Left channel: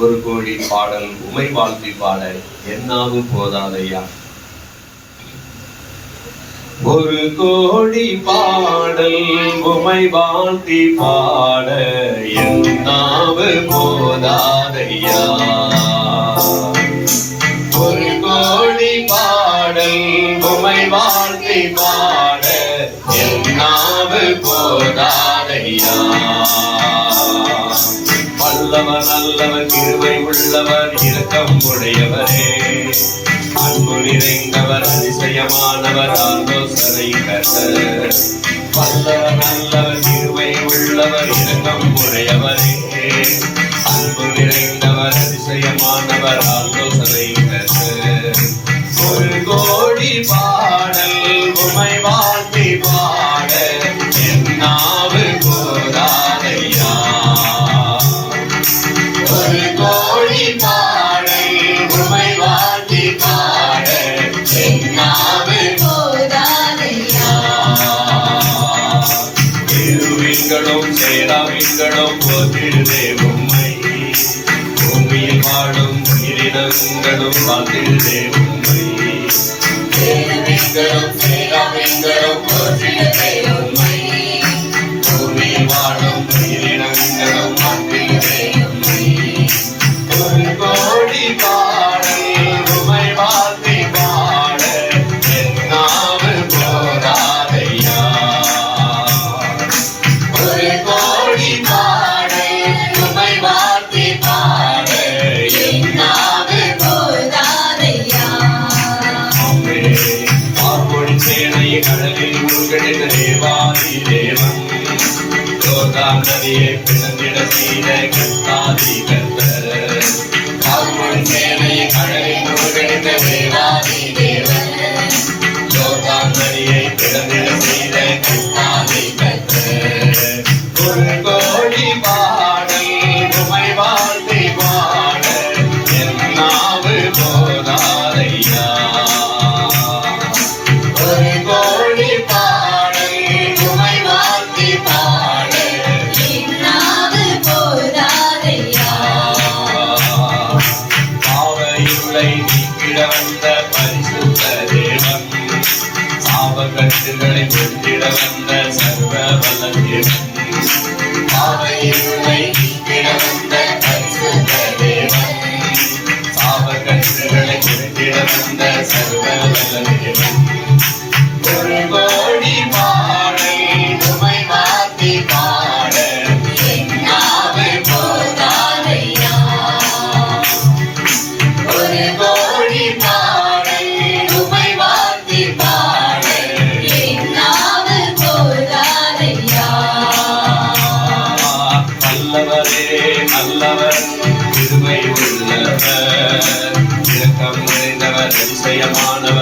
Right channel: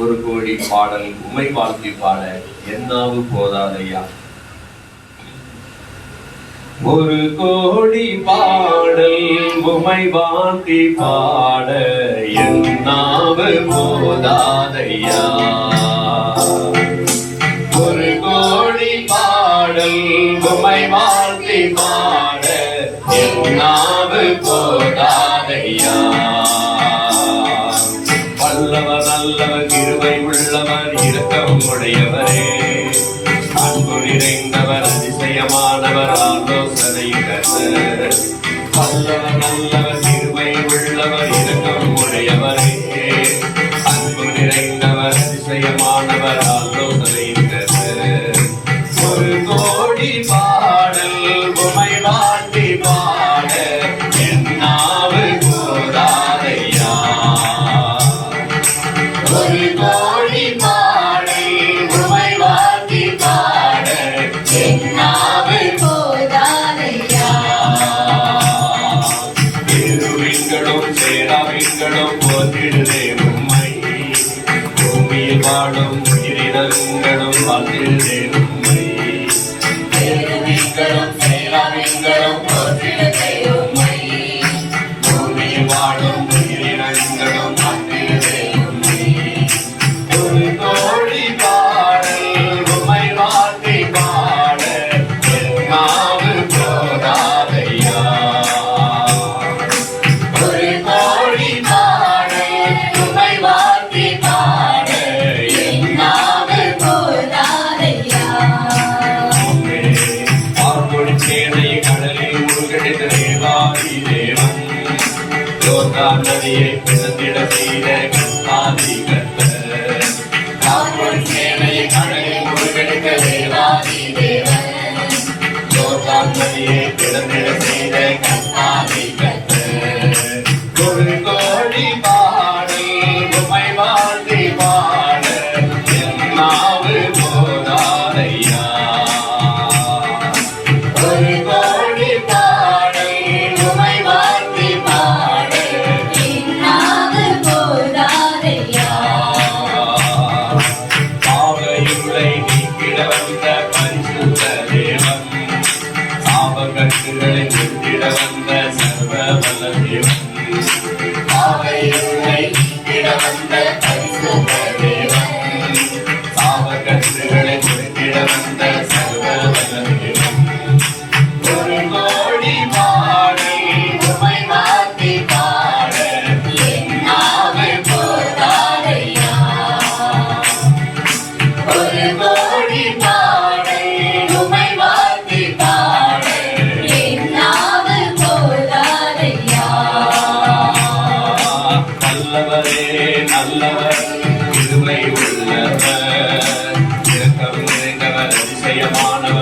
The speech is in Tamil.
ஒரு கோடி பாடல் உமை வாழ்த்தி பாட என்னாவு போதாதையா. ஒரு கோடி பாடல் உமை வாழ்த்தி பாட என்னாவு போதாதையா. ஒரு கோடி பாடல் உமை வாழ்த்தி பாட என்னாவு போதாதையா. வல்லவர் நல்லவர் கிருபை உள்ளவர் இரக்கம் உடையவரே, அன்பு நிறைந்தவர் அதிசயமானவர் ஆலோசனை கர்த்தர். வல்லவர் நல்லவர் கிருபை உள்ளவர் இரக்கம் உடையவரே, அன்பு நிறைந்தவர் அதிசயமானவர் ஆலோசனை கர்த்தர். ஒரு கோடி பாடல் உமை வாழ்த்தி பாட என்னாவு போதாதையா. ஒரு கோடி பாடல் உமை வாழ்த்தி பாட என்னாவு போதாதையா. இருவிண்களும் சேராவிண்களும் போற்றிடுதே உம்மை, பூமியில் வாழும் உயிரினங்களும் வாழ்த்திடுதே உம்மை. இருவிண்களும் சேராவிண்களும் போற்றிடுதே உம்மை, பூமியில் வாழும் உயிரினங்களும் வாழ்த்திடுதே உம்மை. ஒரு கோடி பாடல் உமை வாழ்த்தி பாட என்னாவு போதாதையா. ஒரு கோடி பாடல் உமை வாழ்த்தி பாட என்னாவு போதாதையா. ஆர்ப்பொழி சேனை கடலில் மூழ்கடித்த தேவாதி தேவன், யோர்தான் நதியை பிளந்திட செய்த கர்த்தாதி கர்த்தர். ஆர்ப்பொழி சேனை கடலில் மூழ்கடித்த தேவாதி தேவன், யோர்தான் நதியை பிளந்திட செய்த கர்த்தாதி கர்த்தர். ஒரு கோடி பாடல் உமை வாழ்த்தி பாட என்னாவு போதாதையா. ஒரு கோடி பாடல் உமை வாழ்த்தி பாட என்னாவு போதாதையா. பாவையுளை நீக்கிட வந்த பரிசுத்த தேவன், சாபக்கட்டுகளை வெட்டிட வந்த சர்வ வல்ல தேவன். பாவையுளை நீக்கிட வந்த பரிசுத்த தேவன், சாபக்கட்டுகளை வெட்டிட வந்த சர்வ வல்ல தேவன். ஒரு கோடி பாடல் உமை வாழ்த்தி பாட என்னாவு போதாதையா. ஒரு கோடி பாடல் உமை வாழ்த்தி பாட என்னாவு போதாதையா. நல்லவரே நல்லவர் கிருபை உள்ளவர், இரக்கம் நிறைந்தவர் அதிசயமானவர்